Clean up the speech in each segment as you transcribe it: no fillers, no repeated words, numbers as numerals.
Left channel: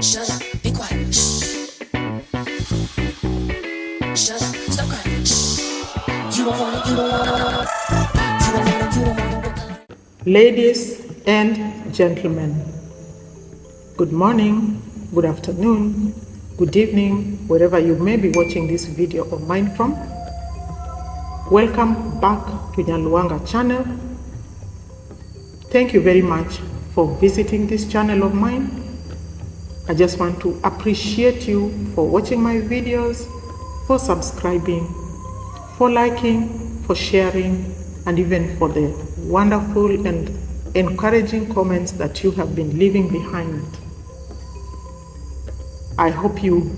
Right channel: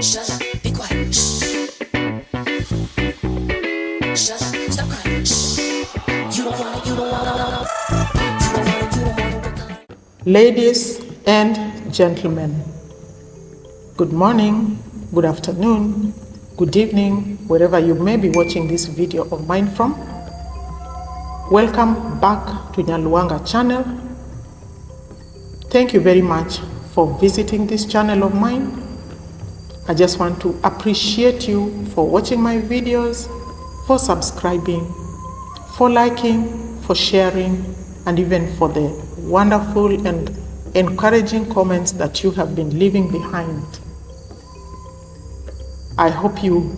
Shut up, be quiet. Shh. Shut up, stop crying. Shh. You don't wanna, you don't wanna, you don't wanna, you don't wanna. Ladies and gentlemen, good morning, good afternoon, good evening, wherever you may be watching this video of mine from. Welcome back to Nyaluanga channel. Thank you very much for visiting this channel of mine. I just want to appreciate you for watching my videos, for subscribing, for liking, for sharing, and even for the wonderful and encouraging comments that you have been leaving behind. I hope you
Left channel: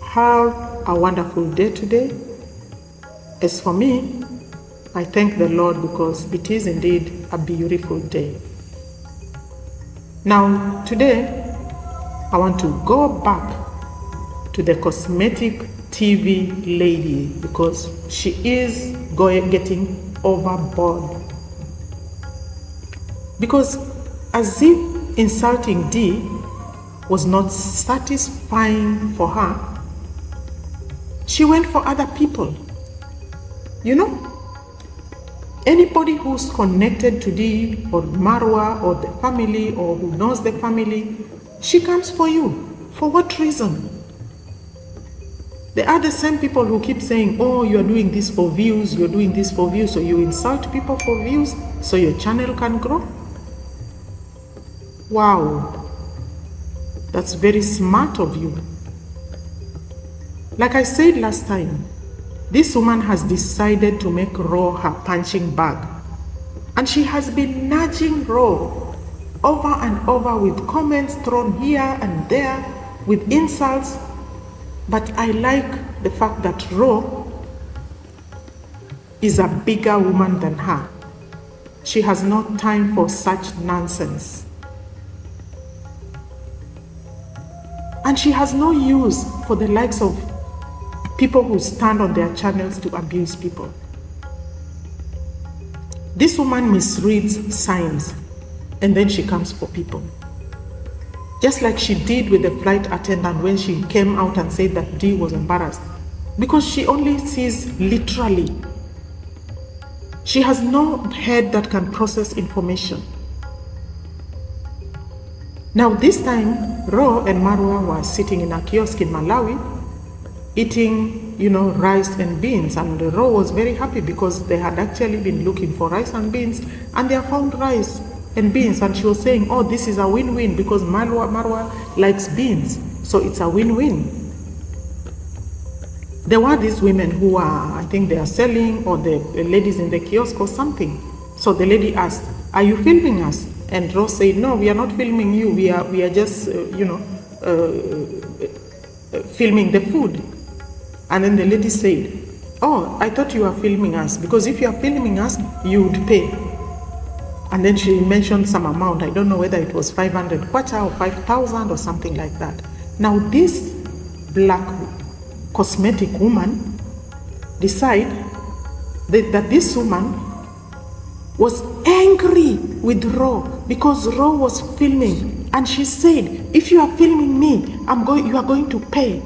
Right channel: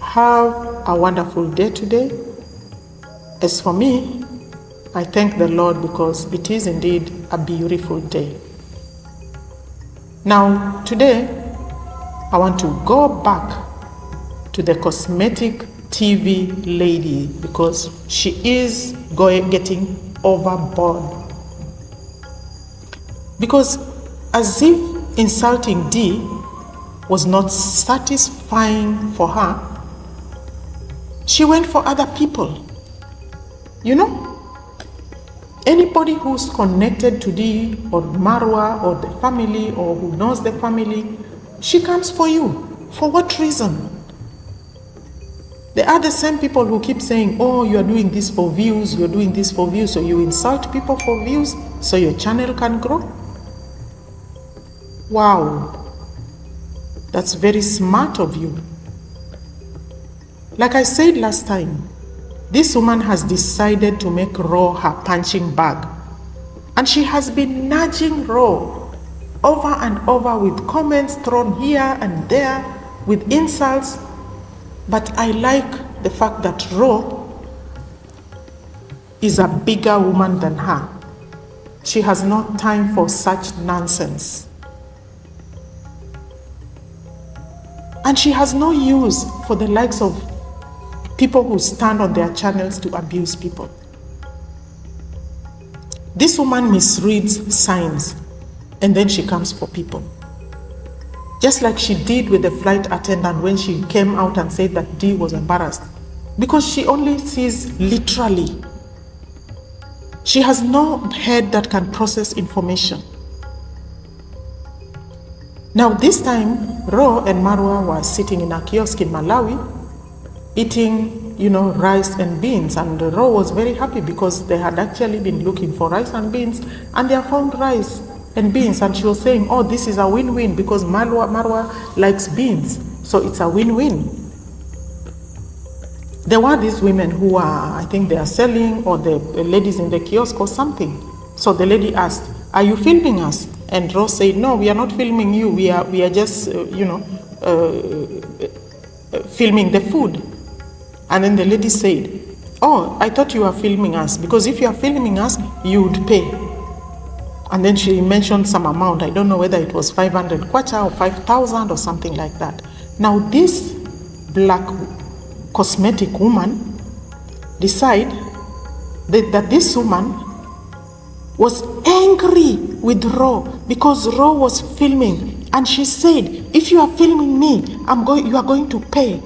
have a wonderful day today. As for me, I thank the Lord because it is indeed a beautiful day. Now, today, I want to go back to the cosmetic TV lady because she is getting overboard. Because as if insulting D was not satisfying for her, she went for other people. You know, anybody who's connected to D or Marwa or the family or who knows the family, she comes for you. For what reason? They are the same people who keep saying, oh, you are doing this for views, you're doing this for views, so you insult people for views so your channel can grow. Wow, that's very smart of you. Like I said last time, this woman has decided to make Raw her punching bag. And she has been nudging Raw over and over with comments thrown here and there, with insults. But I like the fact that Raw is a bigger woman than her. She has no time for such nonsense. And she has no use for the likes of people who stand on their channels to abuse people. This woman misreads signs and then she comes for people. Just like she did with the flight attendant when she came out and said that D was embarrassed. Because she only sees literally. She has no head that can process information. Now this time, Ro and Marwa were sitting in a kiosk in Malawi, eating, rice and beans. And Ro was very happy because they had actually been looking for rice and beans and they have found rice and beans. And she was saying, oh, this is a win-win because Marwa likes beans. So it's a win-win. There were these women who are, I think they are selling, or the ladies in the kiosk or something. So the lady asked, are you filming us? And Rose said, no, we are not filming you. We are just, filming the food. And then the lady said, oh, I thought you were filming us, because if you are filming us, you would pay. And then she mentioned some amount. I don't know whether it was 500 kwacha or 5,000 or something like that. Now this black cosmetic woman decided that this woman was angry with Ro because Ro was filming, and she said, if you are filming me, you are going to pay.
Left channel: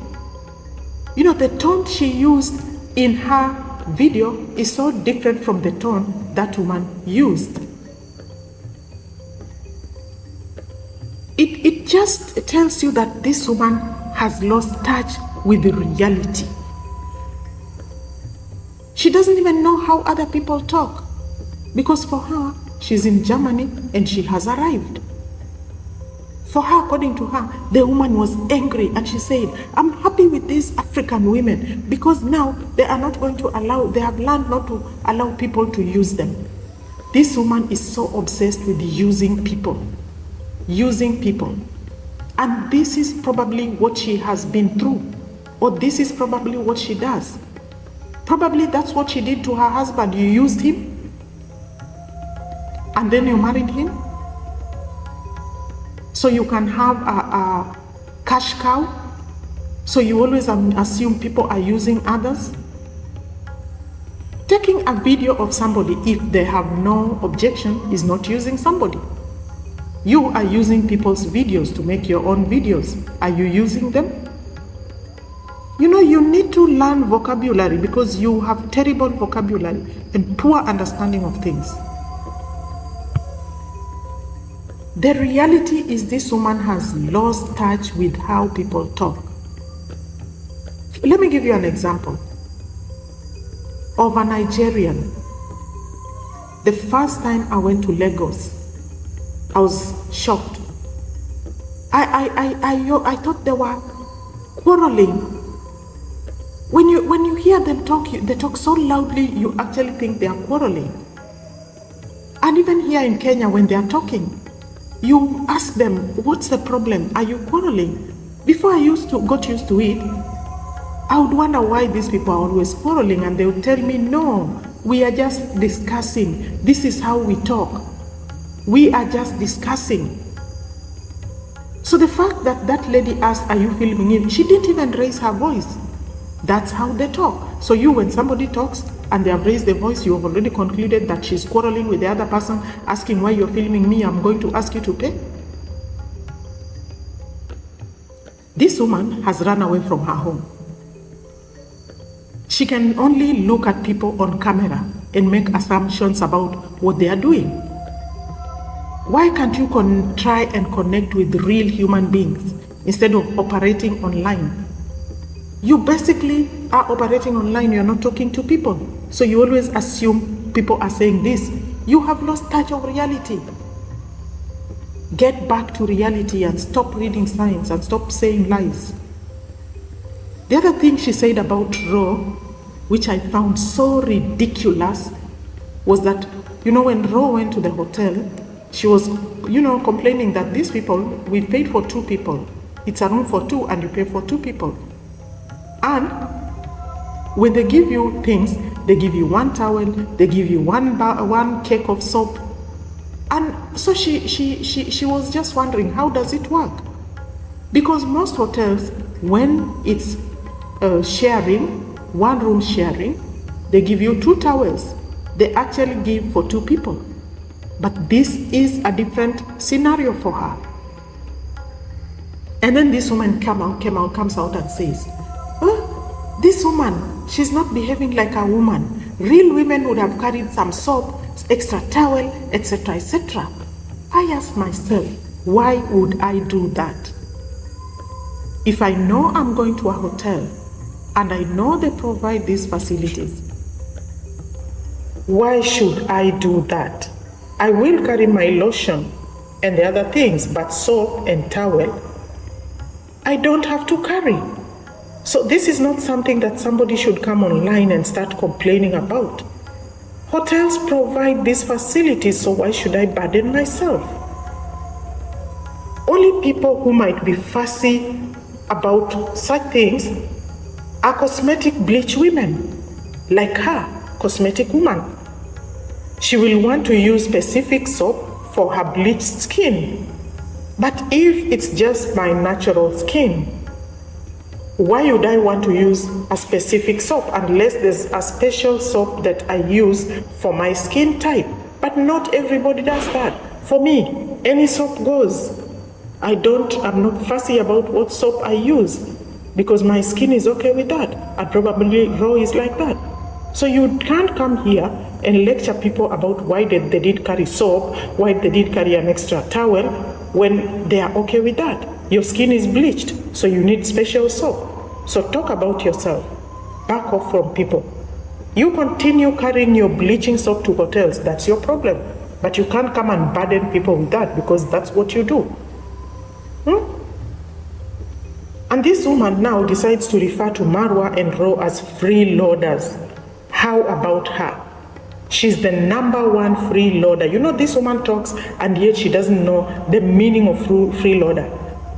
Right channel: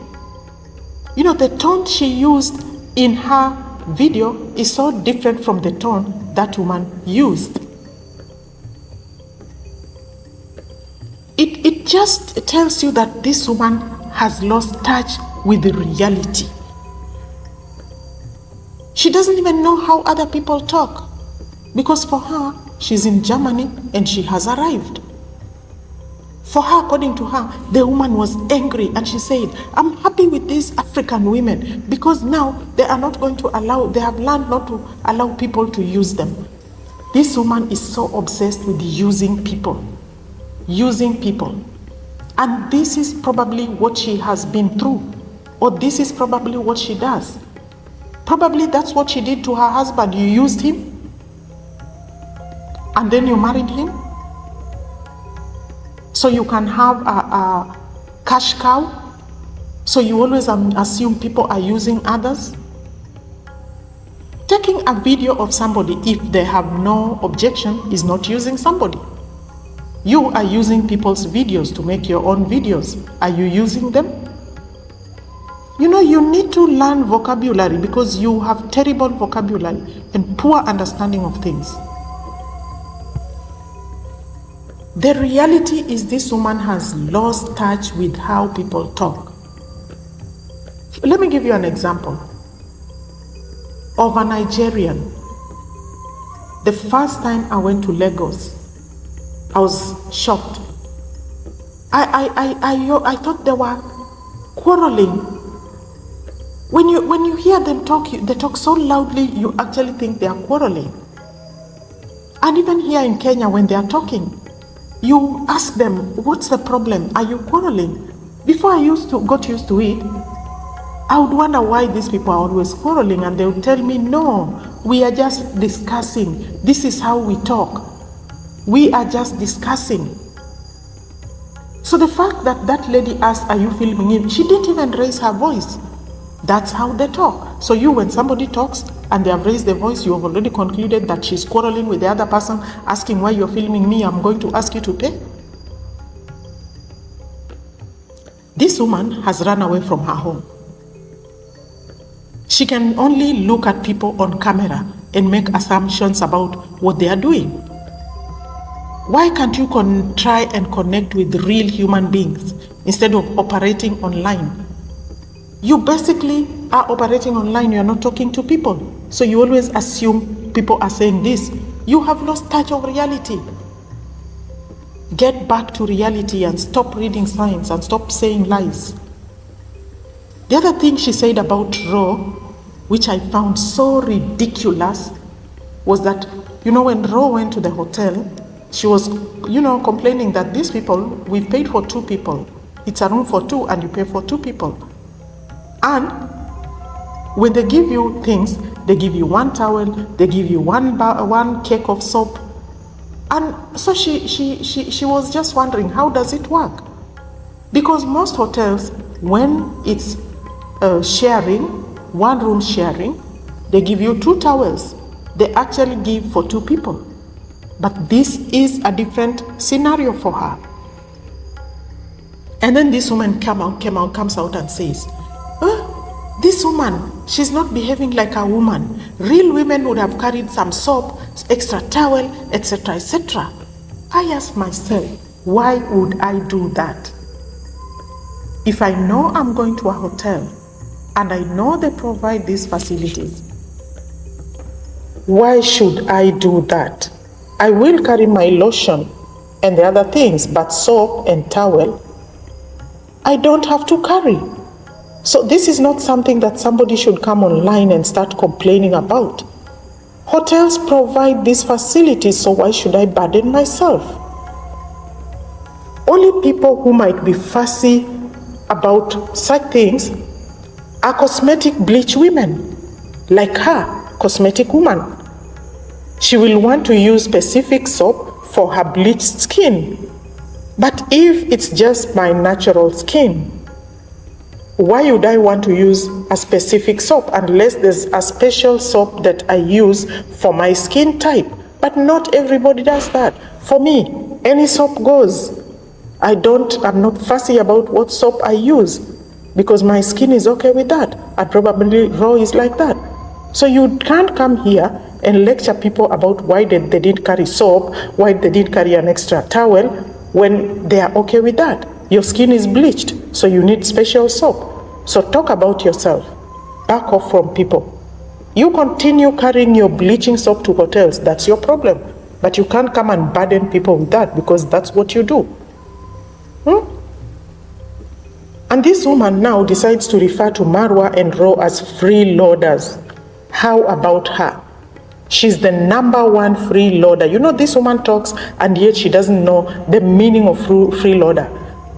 The tone she used in her video is so different from the tone that woman used. It just tells you that this woman has lost touch with the reality. She doesn't even know how other people talk. Because for her, she's in Germany and she has arrived. For her, according to her, the woman was angry and she said, I'm happy with these African women because now they are not going to they have learned not to allow people to use them. This woman is so obsessed with using people. And this is probably what she has been through, or this is probably what she does. Probably that's what she did to her husband. You used him, and then you married him, so you can have a cash cow. So you always assume people are using others. Taking a video of somebody, if they have no objection, is not using somebody. You are using people's videos to make your own videos. Are you using them? You know, you need to learn vocabulary because you have terrible vocabulary and poor understanding of things. The reality is this woman has lost touch with how people talk. Let me give you an example of a Nigerian. The first time I went to Lagos, I was shocked. I thought they were quarreling. When you hear them talk, they talk so loudly, you actually think they are quarreling. And even here in Kenya, when they are talking, you ask them, what's the problem? Are you quarreling? Before I got used to it, I would wonder why these people are always quarreling, and they would tell me, no, we are just discussing. This is how we talk. We are just discussing. So the fact that that lady asked, are you filming him? She didn't even raise her voice. That's how they talk. So when somebody talks and they have raised their voice, you have already concluded that she's quarreling with the other person, asking why you're filming me, I'm going to ask you to pay. This woman has run away from her home. She can only look at people on camera and make assumptions about what they are doing. Why can't you try and connect with real human beings instead of operating online? You basically are operating online, you're not talking to people. So you always assume people are saying this. You have lost touch of reality. Get back to reality and stop reading signs and stop saying lies. The other thing she said about Ro, which I found so ridiculous, was that, when Ro went to the hotel, she was, complaining that these people, we paid for 2 people. It's a room for 2 and you pay for 2 people. And when they give you things, they give you 1 towel, they give you one cake of soap. And so she was just wondering, how does it work? Because most hotels, when it's one room sharing, they give you 2 towels. They actually give for 2 people. But this is a different scenario for her. And then this woman comes out and says, this woman, she's not behaving like a woman. Real women would have carried some soap, extra towel, etc., etc. I ask myself, why would I do that? If I know I'm going to a hotel and I know they provide these facilities, why should I do that? I will carry my lotion and the other things, but soap and towel, I don't have to carry. So this is not something that somebody should come online and start complaining about. Hotels provide these facilities, so why should I burden myself? Only people who might be fussy about such things are cosmetic bleach women, like her, cosmetic woman. She will want to use specific soap for her bleached skin. But if it's just my natural skin, why would I want to use a specific soap unless there's a special soap that I use for my skin type? But not everybody does that. For me, any soap goes. I'm not fussy about what soap I use because my skin is okay with that. And probably Raw is like that. So you can't come here and lecture people about why they didn't carry soap, why they didn't carry an extra towel when they are okay with that. Your skin is bleached, so you need special soap. So talk about yourself. Back off from people. You continue carrying your bleaching soap to hotels, that's your problem. But you can't come and burden people with that because that's what you do. And this woman now decides to refer to Marwa and Ro as freeloaders. How about her? She's the #1 freeloader. This woman talks and yet she doesn't know the meaning of freeloader.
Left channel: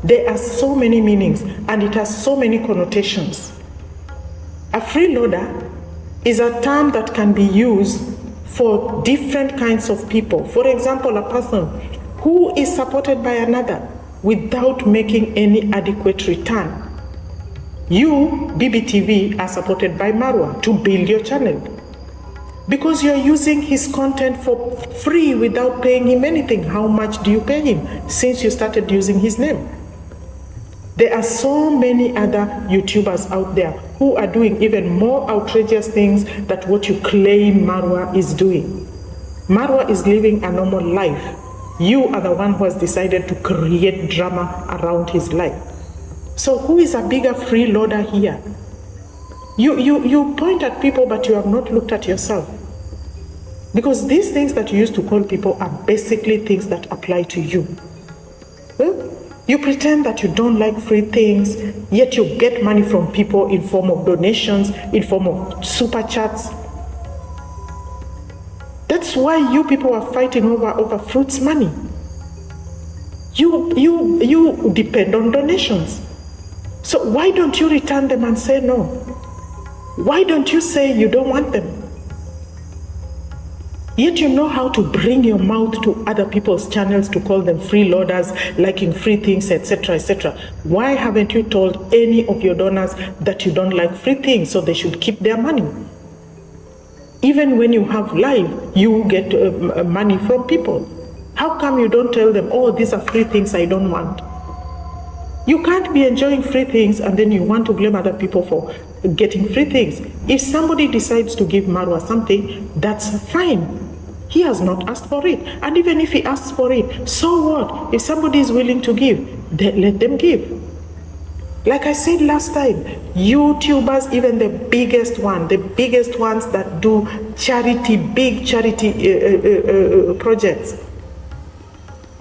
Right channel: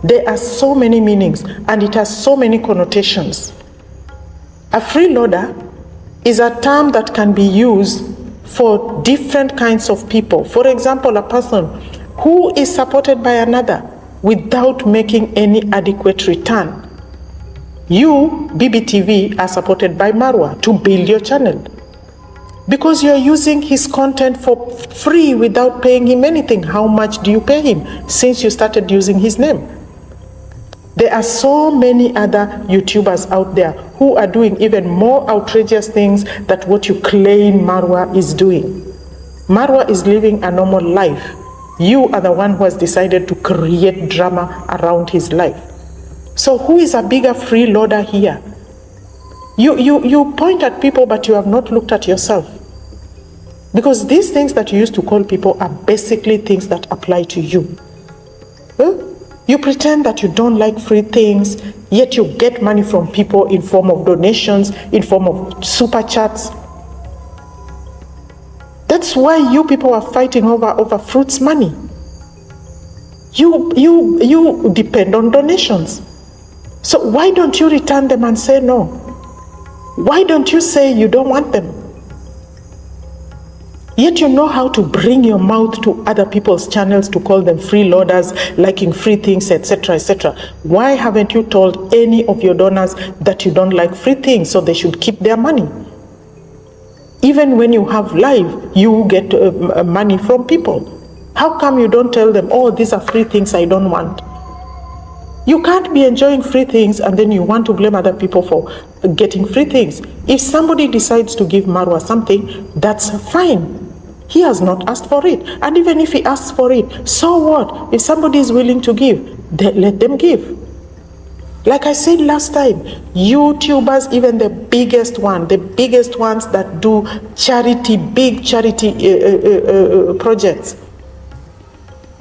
There are so many meanings and it has so many connotations. A freeloader is a term that can be used for different kinds of people. For example, a person who is supported by another without making any adequate return. You, BBTV, are supported by Marwa to build your channel. Because you're using his content for free without paying him anything. How much do you pay him since you started using his name? There are so many other YouTubers out there who are doing even more outrageous things than what you claim Marwa is doing. Marwa is living a normal life. You are the one who has decided to create drama around his life. So who is a bigger freeloader here? You point at people, but you have not looked at yourself. Because these things that you used to call people are basically things that apply to you. You pretend that you don't like free things, yet you get money from people in form of donations, in form of super chats. That's why you people are fighting over fruits money. You depend on donations. So why don't you return them and say no? Why don't you say you don't want them? Yet you know how to bring your mouth to other people's channels to call them freeloaders, liking free things, etc., etc. Why haven't you told any of your donors that you don't like free things, so they should keep their money? Even when you have live, you get money from people. How come you don't tell them, oh, these are free things I don't want? You can't be enjoying free things and then you want to blame other people for getting free things. If somebody decides to give Marwa something, that's fine. He has not asked for it. And even if he asks for it, so what? If somebody is willing to give, then let them give. Like I said last time, YouTubers, even the biggest ones that do charity, big charity projects,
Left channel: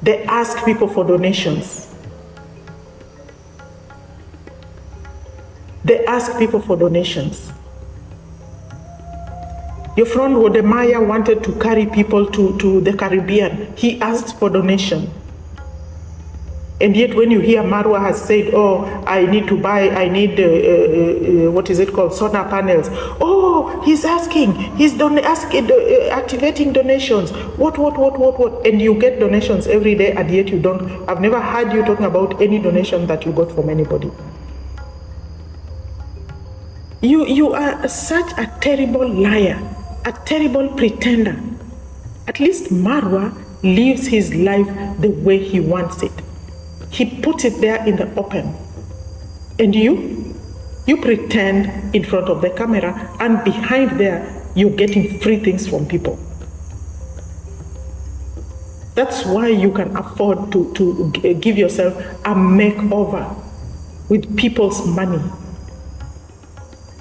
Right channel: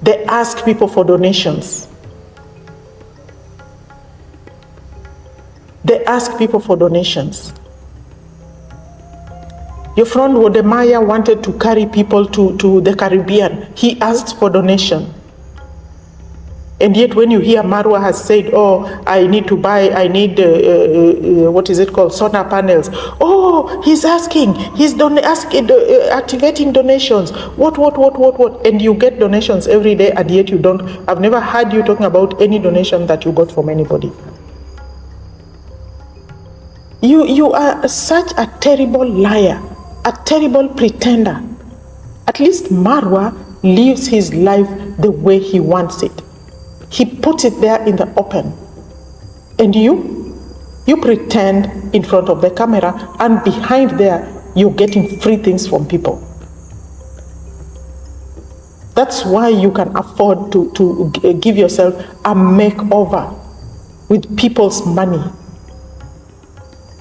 they ask people for donations. They ask people for donations. Your friend Wodemaya wanted to carry people to the Caribbean. He asked for donation. And yet when you hear Marwa has said, oh, I need solar panels. Oh, he's asking, activating donations. What? And you get donations every day, and yet you don't. I've never heard you talking about any donation that you got from anybody. You are such a terrible liar, a terrible pretender. At least Marwa lives his life the way he wants it. He puts it there in the open. And you pretend in front of the camera, and behind there, you're getting free things from people. That's why you can afford to give yourself a makeover with people's money.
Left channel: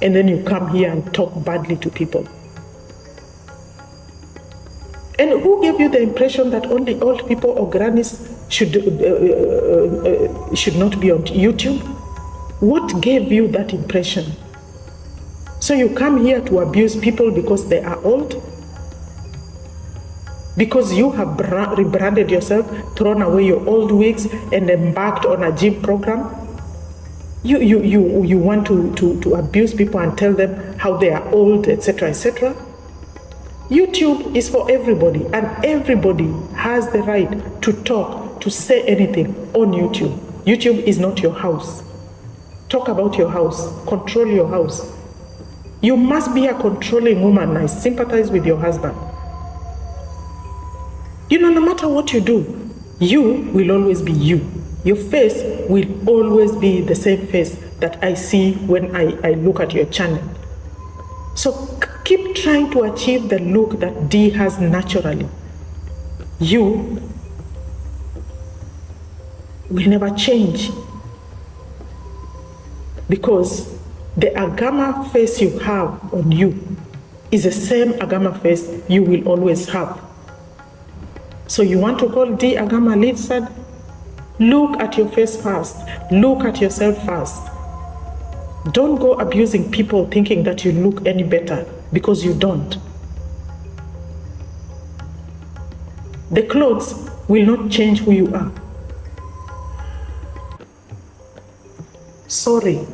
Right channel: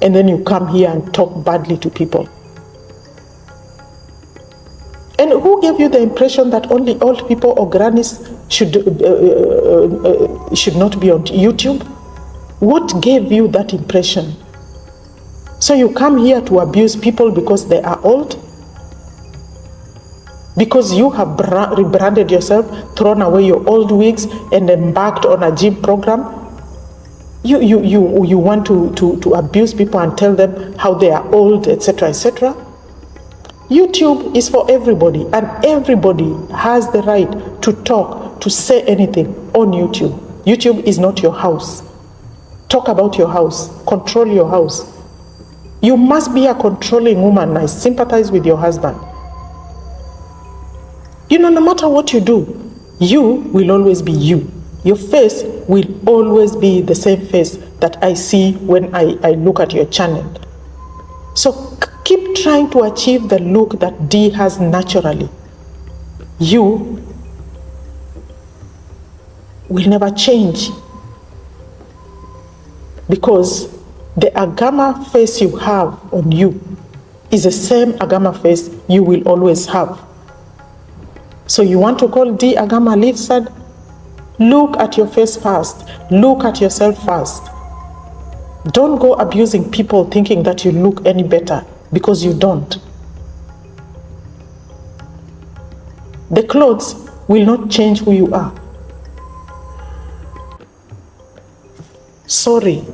And then you come here and talk badly to people. And who gave you the impression that only old people or grannies should not be on YouTube? What gave you that impression? So you come here to abuse people because they are old? Because you have rebranded yourself, thrown away your old wigs, and embarked on a gym program? You want to abuse people and tell them how they are old, etc., etc.? YouTube is for everybody, and everybody has the right to talk, to say anything on YouTube. YouTube is not your house. Talk about your house. Control your house. You must be a controlling woman. I sympathize with your husband. No matter what you do, you will always be you. Your face will always be the same face that I see when I look at your channel. So keep trying to achieve the look that Dee has naturally. You will never change, because the Agama face you have on you is the same Agama face you will always have. So you want to call Dee Agama lizard? Look at your face first. Look at yourself first. Don't go abusing people thinking that you look any better, because you don't. The clothes will not change who you are. Sorry.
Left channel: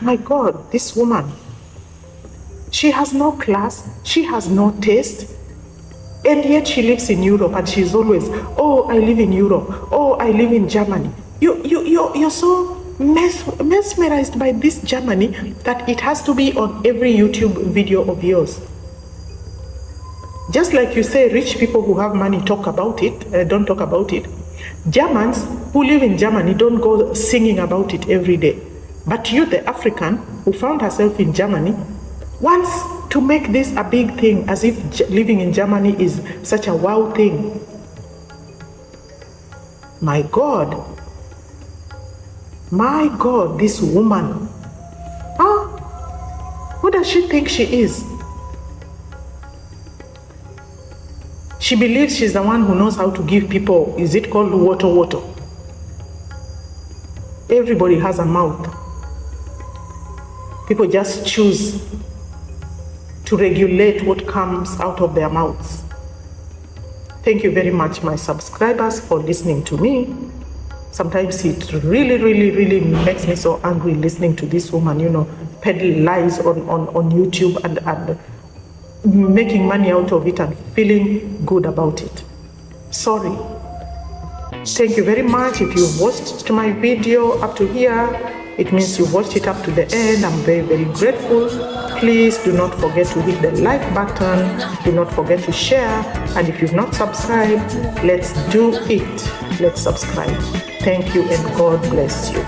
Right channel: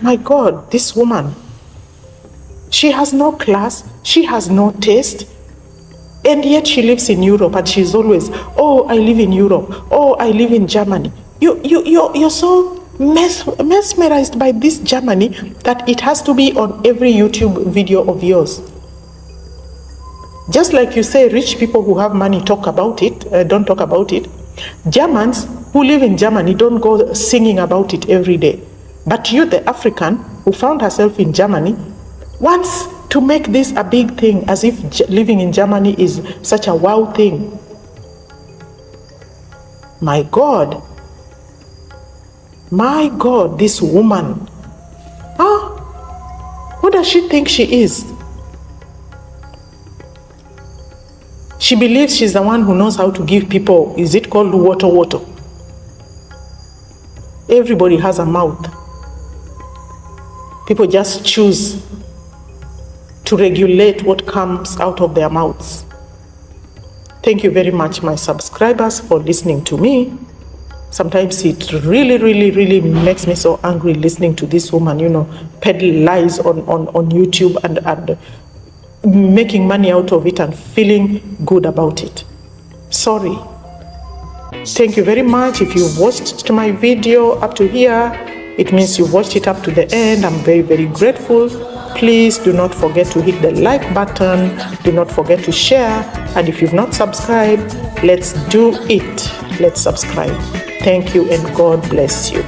My God, this woman. She has no class. She has no taste. And yet she lives in Europe, and she's always, oh, I live in Europe. Oh, I live in Germany. You're so mesmerized by this Germany that it has to be on every YouTube video of yours. Just like you say, rich people who have money talk about it, don't talk about it. Germans who live in Germany don't go singing about it every day. But you, the African who found herself in Germany, wants to make this a big thing, as if living in Germany is such a wow thing. My God, this woman, who does she think she is? She believes she's the one who knows how to give people, is it called water? Everybody has a mouth. People just choose to regulate what comes out of their mouths. Thank you very much, my subscribers, for listening to me. Sometimes it really makes me so angry listening to this woman, peddle lies on YouTube and making money out of it and feeling good about it. Sorry. Thank you very much. If you've watched my video up to here, it means you watched it up to the end. I'm very grateful. Please do not forget to hit the like button. Do not forget to share. And if you've not subscribed, let's do it. Let's subscribe. Thank you and God bless you.